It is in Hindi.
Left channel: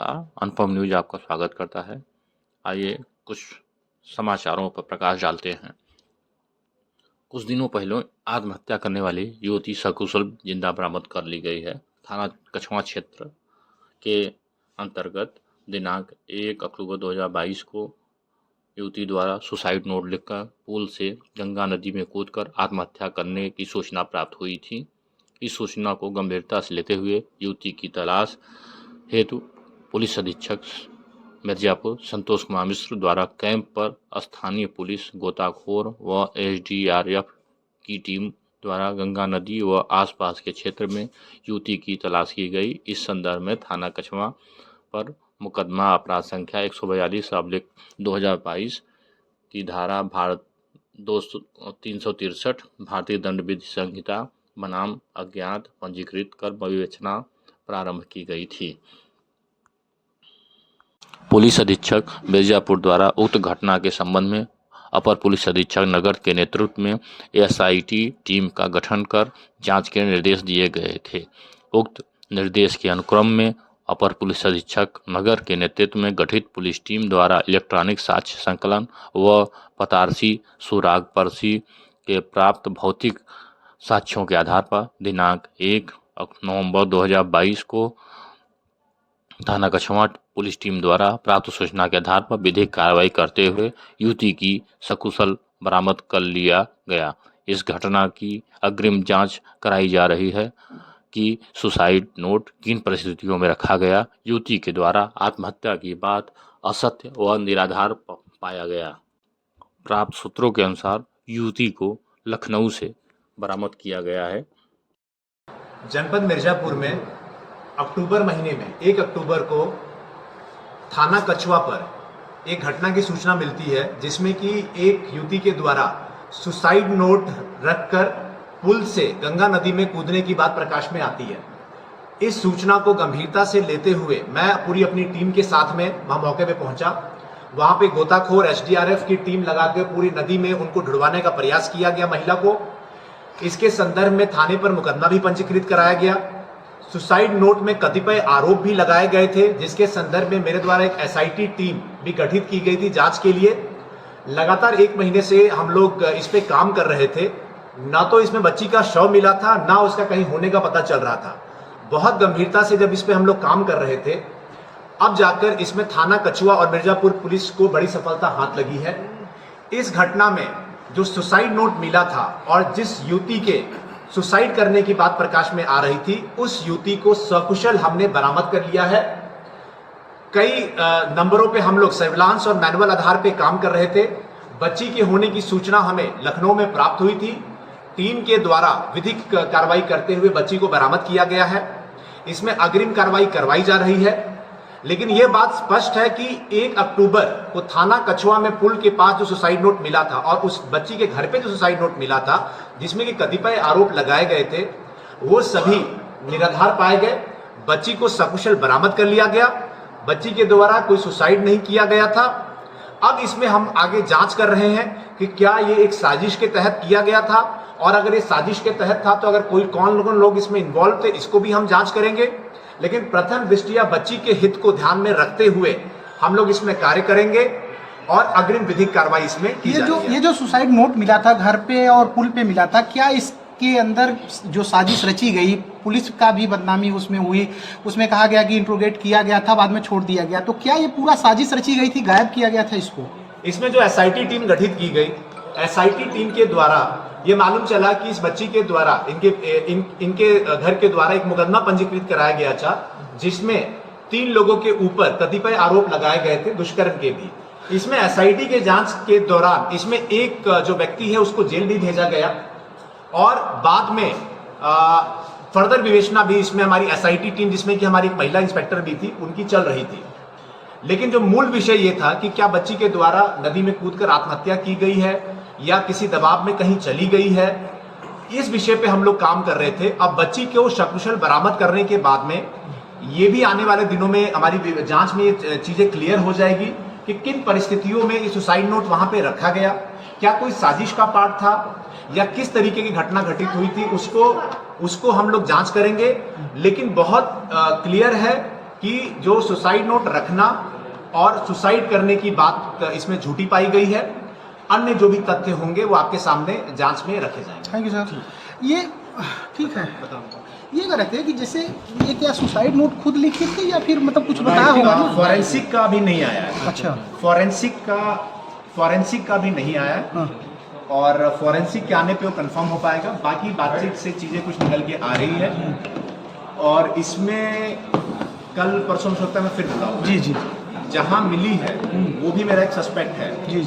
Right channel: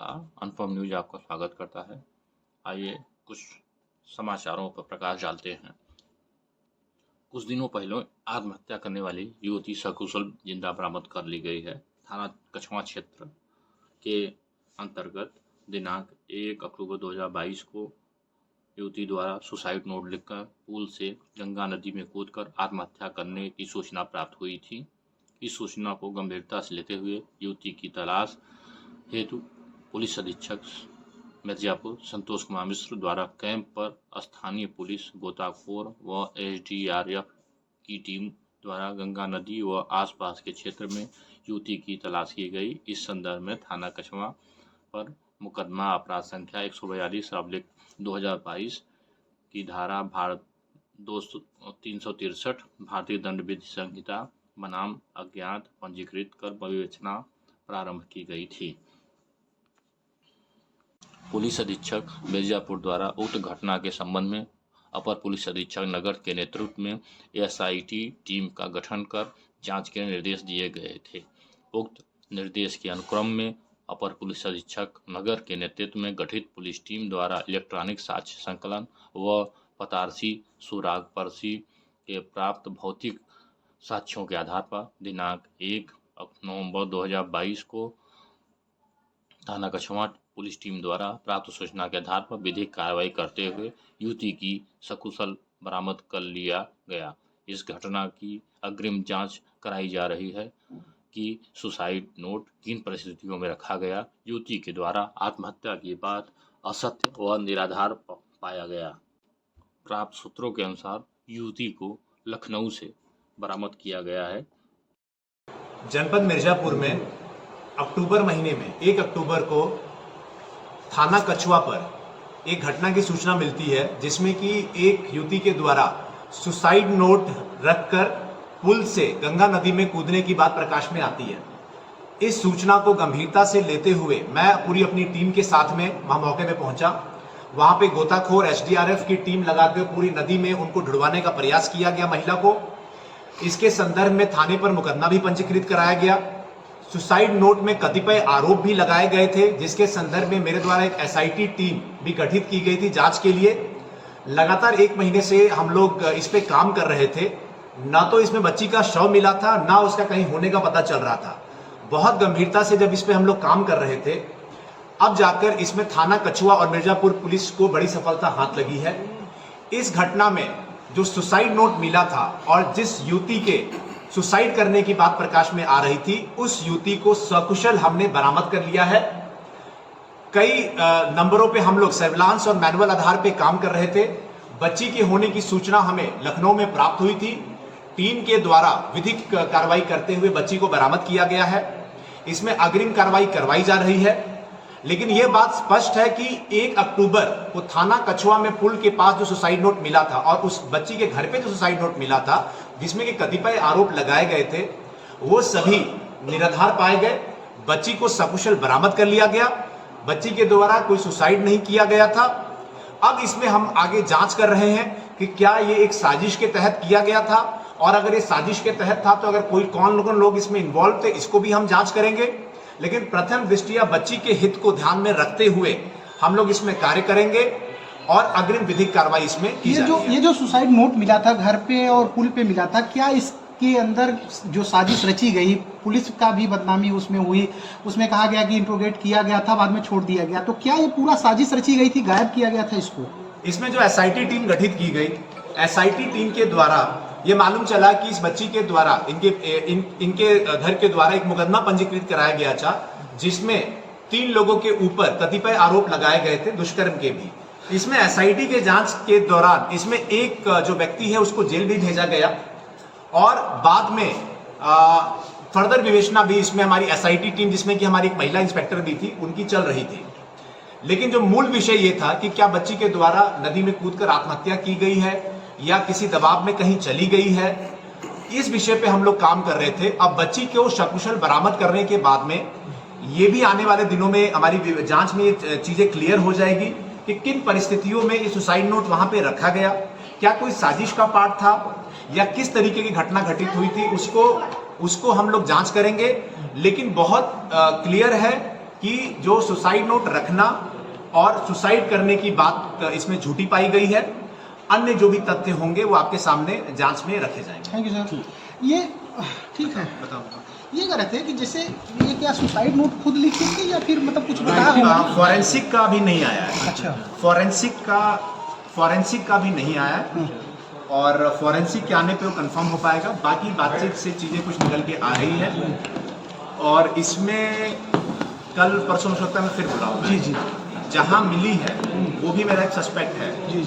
नमस्कार। अनुपम न्यूज़ आपका स्वागत करता है। आइए कुछ समाचारों पर प्रकाश डालते हैं। कुछ दिनों पहले आत्महत्या करने वाली युवती सकुशल जिंदा बरामद कर ली गई है। थाना कछवा क्षेत्र के अंतर्गत दिनांक 1 अक्टूबर 2022 को युवती द्वारा सुसाइड नोट लिखकर पुल से गंगा नदी में कूदकर आत्महत्या करने की सूचना प्राप्त हुई थी। इस सूचना को गंभीरता से लेते हुए युवती की तलाश हेतु पुलिस अधीक्षक मिर्जापुर संतोष कुमार मिश्र द्वारा कैंप पर स्थानीय पुलिस, गोताखोर व एसडीआरएफ की टीम द्वारा गंगा नदी व आसपास के क्षेत्र में युवती की तलाश की गई। इस संदर्भ में थाना कछवा पर मुकदमा अपराध संख्या 142/2022 की धारा भारत 363 भारतीय दंड विधि संहिता बनाम अज्ञात पंजीकृत कर विवेचना प्रारंभ की गई थी। पुलिस अधीक्षक मिर्जापुर द्वारा उक्त घटना के संबंध में अपर पुलिस अधीक्षक नगर के नेतृत्व में एसआईटी टीम का गठन कर जांच के निर्देश दिए गए थे। उक्त निर्देश के अनुक्रम में अपर पुलिस अधीक्षक नगर के नेतृत्व में गठित पुलिस टीम द्वारा इलेक्ट्रॉनिक साक्ष्य संकलन व पतारसी सुराग पर्ची के प्राप्त भौतिक साक्ष्यों के आधार पर दिनांक 1 नवंबर 2022 को थाना कछवा पुलिस टीम द्वारा प्राप्त सूचना के आधार पर विधिक कार्रवाई करते हुए युवती की सकुशल बरामद कर लिया गया। इस घटना की अग्रिम जांच कराई जा रही है कि सुसाइड नोट किन परिस्थितियों में रखा गया। युवती के द्वारा आत्महत्या की बात असत्य व निराधार पाया गया। प्राप्त सूत्रों के अनुसार युवती को लखनऊ से बरामद किया गया है। जनपद मिर्जापुर में अक्टूबर महीने में 1 अक्टूबर को थाना कछवा पर एक घटना की सूचना मिलती है, जिसमें कि एक युवती के द्वारा सुसाइड नोट रखकर पुल से गंगा नदी में कूदने की बात प्रकाश में आती है। इस सूचना को गंभीरता से लेते हुए मैं पूरी अपनी टीम के साथ में वहां मौके पे पहुंचा। वहां पे गोताखोर एसडीआरएफ की टीम लगाकर पूरी नदी में उनको ढुड़वाने का प्रयास किया गया महिला को। इसके संदर्भ में थाने पर मुकदमा भी पंजीकृत कराया गया। सुसाइड नोट में कतिपय आरोप भी लगाए गए थे, जिसके संदर्भ में मेरे द्वारा एक एसआईटी टीम भी गठित की गई थी जांच के लिए। लगातार 1 महीने से हम लोग इस पे काम कर रहे थे। ना तो इसमें बच्ची का शव मिला था, ना उसका कहीं होने का पता चल रहा था। बहुत गंभीरता से जब इस पे हम लोग काम कर रहे थे, अब जाकर इसमें थाना कछवा और मिर्जापुर पुलिस को बड़ी सफलता हाथ लगी है। इस घटना में जो सुसाइड नोट मिला था और जिस युवती के सुसाइड करने की बात प्रकाश में आ रही थी, उस युवती को सकुशल हमने बरामद कर लिया है। कई नंबरों पे हम लोग सर्विलांस और मैनुअल आधार पे काम कर रहे थे। बच्ची के होने की सूचना हमें लखनऊ में प्राप्त हुई थी। टीम के द्वारा विधिक कार्रवाई करते हुए बच्ची को बरामद किया गया है। इसमें अग्रिम कार्रवाई करवाई जा रही है। लेकिन यह बात स्पष्ट है कि 1 अक्टूबर को थाना कछवा में पुल के पास जो सुसाइड नोट मिला था और उस बच्ची के घर पे जो सुसाइड नोट मिला था, जिसमें कि कतिपय आरोप लगाए गए थे, वो सभी निराधार पाए गए। बच्ची को सकुशल बरामद कर लिया गया। बच्ची के द्वारा कोई सुसाइड नहीं किया गया था। अब इसमें हम आगे जांच कर रहे हैं कि क्या ये एक साजिश के तहत किया गया था, और अगर ये साजिश के तहत था तो अगर कौन लोग इसमें इन्वॉल्व थे, इसको भी हम जांच करेंगे। लेकिन प्रथम दृष्टिया बच्ची के हित को ध्यान में रखते हुए हम लोग इसमें कार्य करेंगे और अग्रिम विधिक कार्रवाई इसमें की जाएगी। ये जो सुसाइड नोट मिला था घर पे और पुल पे मिला था, क्या इसके अंदर जो साजिश रची गई, पुलिस का भी बदनामी उसमें हुई, उसमें कहा गया कि इंट्रोगेट किया गया था, बाद में छोड़ दिया गया, तो क्या ये पूरा साजिश रची गई थी, गायब किया गया था इसको? इसमें जो एसआईटी टीम गठित की गई, एसआईटी टीम के द्वारा ये मालूम चला कि इस बच्ची के द्वारा इनके घर के द्वारा एक मुकदमा पंजीकृत कराया गया था, जिसमें 3 लोगों के ऊपर कतिपय आरोप लगाए गए थे, दुष्कर्म के भी। इसमें एसआईटी के जांच के दौरान इसमें एक जो व्यक्ति है उसको जेल भी भेजा गया और बाद में फर्दर विवेचना भी इसमें हमारी एसआईटी टीम, जिसमें कि हमारी एक महिला इंस्पेक्टर भी थी, उनकी चल रही थी। लेकिन जो मूल विषय ये था कि क्या बच्ची के द्वारा नदी में कूदकर आत्महत्या की गई है या किसी दबाव में कहीं चली गई है, इस विषय पे हम लोग काम कर रहे थे। अब बच्ची को सकुशल बरामद करने के बाद में ये भी आने वाले दिनों में हमारी जांच में ये चीजें क्लियर हो जाएगी कि किन परिस्थितियों में ये सुसाइड नोट वहां पे रखा गया, क्या कोई साजिश का पार्ट था या किस तरीके की घटना घटित हुई थी, उसको हम लोग जांच करेंगे। लेकिन बहुत क्लियर है कि जो सुसाइड नोट रखना और सुसाइड करने की बात इसमें झूठी पाई गई है। अन्य जो भी तथ्य होंगे वो आपके सामने जांच में रखे जाएंगे। Thank you sir. ये ठीक है, बताओ ये कह रहे थे कि जैसे ये क्या सुसाइड नोट खुद लिखे थे या फिर मतलब कुछ बताया होगा? फॉरेंसिक का भी नहीं आया है। अच्छा, फॉरेंसिक का भी नहीं आया है। हाँ। और फॉरेंसिक के आने पे वो कंफर्म हो पाएगा। बाकी बातचीत से चीज़ें कुछ निकल के आ रही है और इसमें कल परसों हो सकता है मैं फिर बुलाऊंगा। जी जी जहां मिली है वो भी मेरा एक सस्पेक्ट है। जी।